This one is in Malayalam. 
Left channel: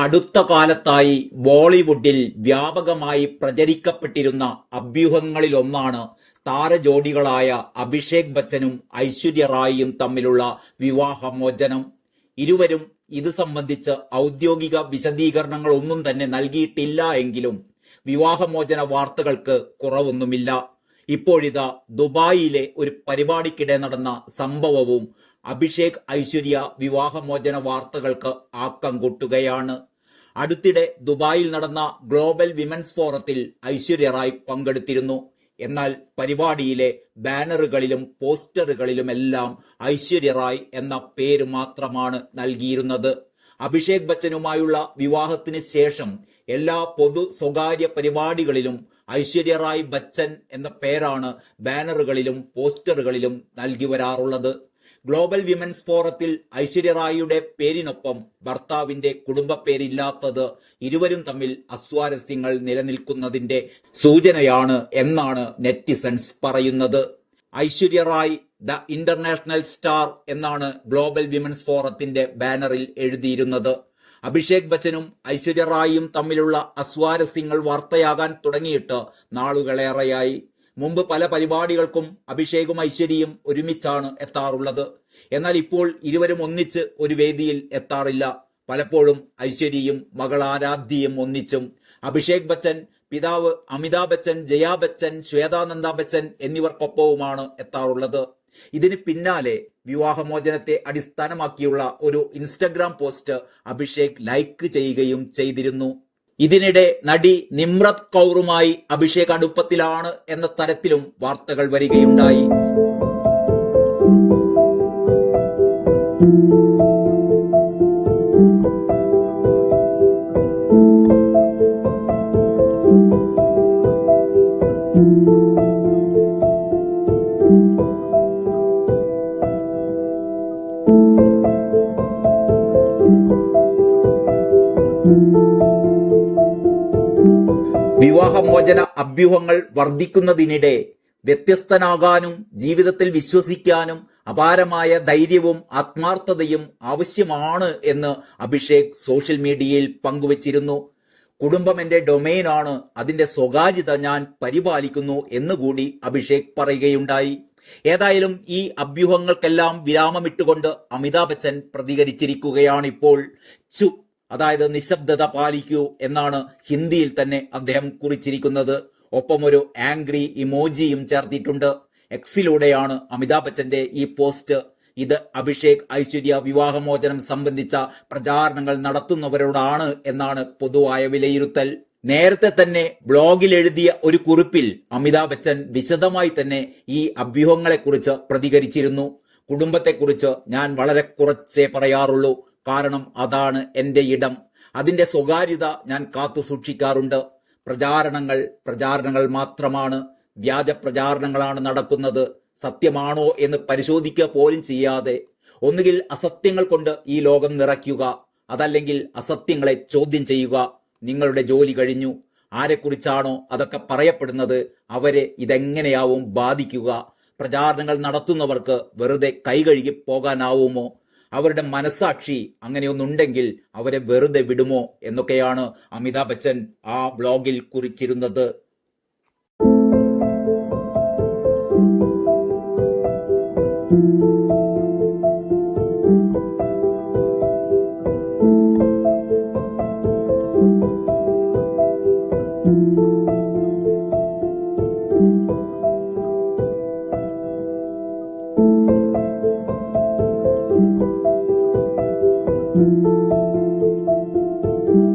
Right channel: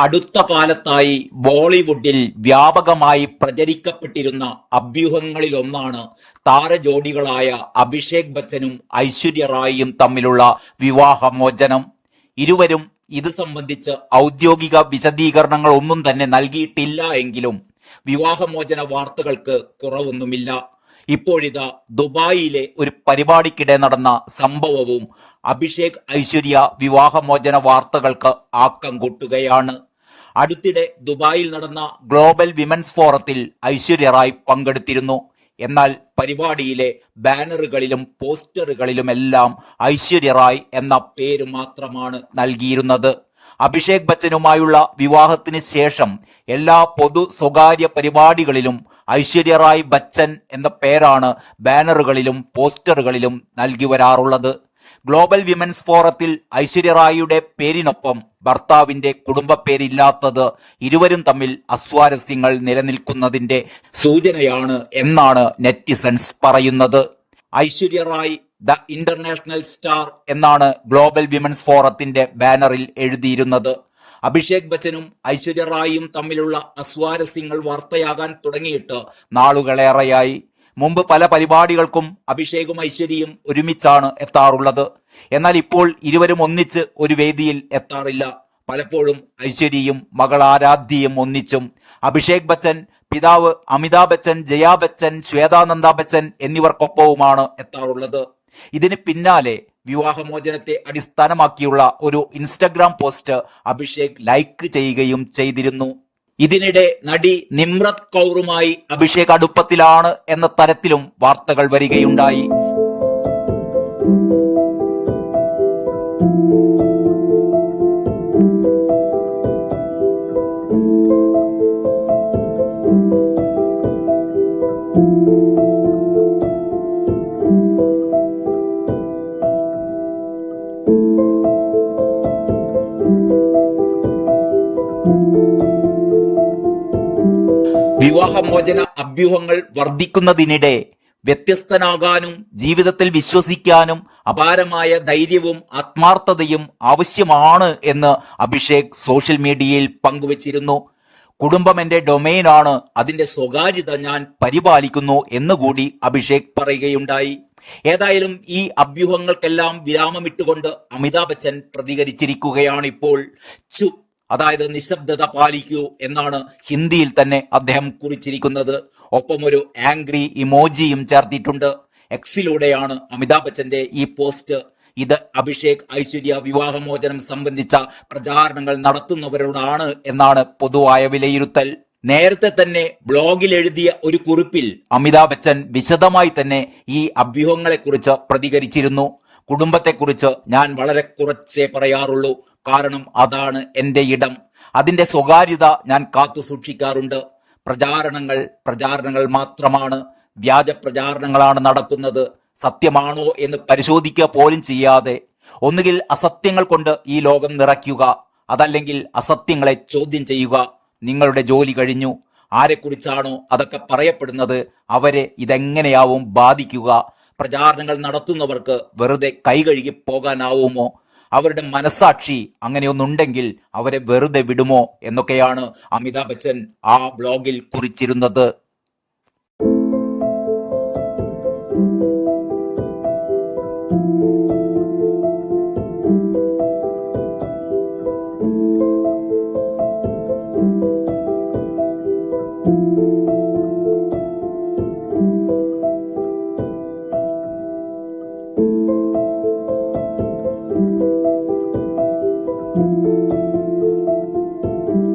അടുത്ത കാലത്തായി ബോളിവുഡിൽ വ്യാപകമായി പ്രചരിക്കപ്പെട്ടിരുന്ന അഭ്യൂഹങ്ങളിലൊന്നാണ് താരജോഡികളായ അഭിഷേക് ബച്ചനും ഐശ്വര്യ റായിയും തമ്മിലുള്ള വിവാഹമോചനം. ഇരുവരും ഇത് സംബന്ധിച്ച് ഔദ്യോഗിക വിശദീകരണങ്ങൾ ഒന്നും തന്നെ നൽകിയിട്ടില്ല എങ്കിലും വിവാഹമോചന വാർത്തകൾക്ക് കുറവൊന്നുമില്ല. ഇപ്പോഴിതാ ദുബായിലെ ഒരു പരിപാടിക്കിടെ നടന്ന സംഭവവും അഭിഷേക് ഐശ്വര്യ വിവാഹമോചന വാർത്തകൾക്ക് ആക്കം കൂട്ടുകയാണ്. അടുത്തിടെ ദുബായിൽ നടന്ന ഗ്ലോബൽ വിമൻസ് ഫോറത്തിൽ ഐശ്വര്യ റായ് പങ്കെടുത്തിരുന്നു. എന്നാൽ പരിപാടിയിലെ ബാനറുകളിലും പോസ്റ്ററുകളിലുമെല്ലാം ഐശ്വര്യ റായ് എന്ന പേര് മാത്രമാണ് നൽകിയിരുന്നത്. അഭിഷേക് ബച്ചനുമായുള്ള വിവാഹത്തിന് ശേഷം എല്ലാ പൊതു സ്വകാര്യ പരിപാടികളിലും ഐശ്വര്യ റായ് ബച്ചൻ എന്ന പേരാണ് ബാനറുകളിലും പോസ്റ്ററുകളിലും നൽകി വരാറുള്ളത്. ഗ്ലോബൽ വിമൻസ് ഫോറത്തിൽ ഐശ്വര്യ റായിയുടെ പേരിനൊപ്പം ഭർത്താവിന്റെ കുടുംബ പേരില്ലാത്തത് ഇരുവരും തമ്മിൽ അസ്വാരസ്യങ്ങൾ നിലനിൽക്കുന്നതിന്റെ സൂചനയാണ് എന്നാണ് നെറ്റിസൺസ് പറയുന്നത്. Aishwarya Rai the international star എന്നാണ് ഗ്ലോബൽ വിമൻസ് ഫോറത്തിന്റെ ബാനറിൽ എഴുതിയിരുന്നത്. അഭിഷേക് ബച്ചനും ഐശ്വര്യ റായിയും തമ്മിലുള്ള അസ്വാരസ്യങ്ങൾ വാർത്തയാകാൻ തുടങ്ങിയിട്ട് നാളുകളേറെയായി. മുമ്പ് പല പരിപാടികൾക്കും അഭിഷേകും ഐശ്വര്യയും ഒരുമിച്ചാണ് എത്താറുള്ളത്. എന്നാൽ ഇപ്പോൾ ഇരുവരും ഒന്നിച്ച് ഒരു വേദിയിൽ എത്താറില്ല. പലപ്പോഴും ഐശ്വര്യയും മകൾ ആരാധ്യയും ഒന്നിച്ചും, അഭിഷേക് ബച്ചൻ പിതാവ് അമിതാഭ് ബച്ചൻ, ജയാ ബച്ചൻ, ശ്വേതാനന്ദ ബച്ചൻ എന്നിവർക്കൊപ്പവുമാണ് എത്താറുള്ളത്. ഇതിന് പിന്നാലെ വിവാഹമോചനത്തെ അടിസ്ഥാനമാക്കിയുള്ള ഒരു ഇൻസ്റ്റഗ്രാം പോസ്റ്റ് അഭിഷേക് ലൈക്ക് ചെയ്യുകയും ചെയ്തിരുന്നു. ഇതിനിടെ നടി നിമ്രത് കൗറുമായി അഭിഷേക് അടുപ്പത്തിലാണ് എന്ന തരത്തിലും വാർത്തകൾ വരികയുണ്ടായി. വിവാഹമോചന അഭ്യൂഹങ്ങൾ വർദ്ധിക്കുന്നതിനിടെ വ്യത്യസ്തനാകാനും ജീവിതത്തിൽ വിശ്വസിക്കാനും അപാരമായ ധൈര്യവും ആത്മാർത്ഥതയും ആവശ്യമാണ് എന്ന് അഭിഷേക് സോഷ്യൽ മീഡിയയിൽ പങ്കുവച്ചിരുന്നു. കുടുംബം എൻ്റെ ഡൊമെയിനാണ്, അതിൻ്റെ സ്വകാര്യത ഞാൻ പരിപാലിക്കുന്നു എന്നുകൂടി അഭിഷേക് പറയുകയുണ്ടായി. ഏതായാലും ഈ അഭ്യൂഹങ്ങൾക്കെല്ലാം വിരാമമിട്ടുകൊണ്ട് അമിതാഭ് ബച്ചൻ പ്രതികരിച്ചിരിക്കുകയാണിപ്പോൾ. ചുപ്, അതായത് നിശബ്ദത പാലിക്കൂ എന്നാണ് ഹിന്ദിയിൽ തന്നെ അദ്ദേഹം കുറിച്ചിരിക്കുന്നത്. ഒപ്പം ഒരു ആംഗ്രി ഇമോജിയും ചേർത്തിട്ടുണ്ട്. എക്സിലൂടെയാണ് അമിതാഭ് ബച്ചന്റെ ഈ പോസ്റ്റ്. ഇത് അഭിഷേക് ഐശ്വര്യ വിവാഹമോചനം സംബന്ധിച്ച പ്രചാരണങ്ങൾ നടത്തുന്നവരോടാണ് എന്നാണ് പൊതുവായ വിലയിരുത്തൽ. നേരത്തെ തന്നെ ബ്ലോഗിൽ എഴുതിയ ഒരു കുറിപ്പിൽ അമിതാഭ് ബച്ചൻ വിശദമായി തന്നെ ഈ അഭ്യൂഹങ്ങളെക്കുറിച്ച് പ്രതികരിച്ചിരുന്നു. കുടുംബത്തെക്കുറിച്ച് ഞാൻ വളരെ കുറച്ചേ പറയാറുള്ളൂ, കാരണം അതാണ് എൻ്റെ ഇടം. അതിൻ്റെ സ്വകാര്യത ഞാൻ കാത്തു സൂക്ഷിക്കാറുണ്ട്. പ്രചാരണങ്ങൾ മാത്രമാണ്. വ്യാജ പ്രചാരണങ്ങളാണ് നടക്കുന്നത്. സത്യമാണോ എന്ന് പരിശോധിക്കുക പോലും ചെയ്യാതെ ഒന്നുകിൽ അസത്യങ്ങൾ കൊണ്ട് ഈ ലോകം നിറയ്ക്കുക, അതല്ലെങ്കിൽ അസത്യങ്ങളെ ചോദ്യം ചെയ്യുക. നിങ്ങളുടെ ജോലി കഴിഞ്ഞു. ആരെക്കുറിച്ചാണോ അതൊക്കെ പറയപ്പെടുന്നത് അവരെ ഇതെങ്ങനെയാവും ബാധിക്കുക? പ്രചാരണങ്ങൾ നടത്തുന്നവർക്ക് വെറുതെ കൈകഴുകി പോകാനാവുമോ? അവരുടെ മനസാക്ഷി അങ്ങനെയൊന്നുണ്ടെങ്കിൽ അവരെ വെറുതെ വിടുമോ എന്നൊക്കെയാണ് അമിതാഭ് ബച്ചൻ ആ ബ്ലോഗിൽ കുറിച്ചിരുന്നത്.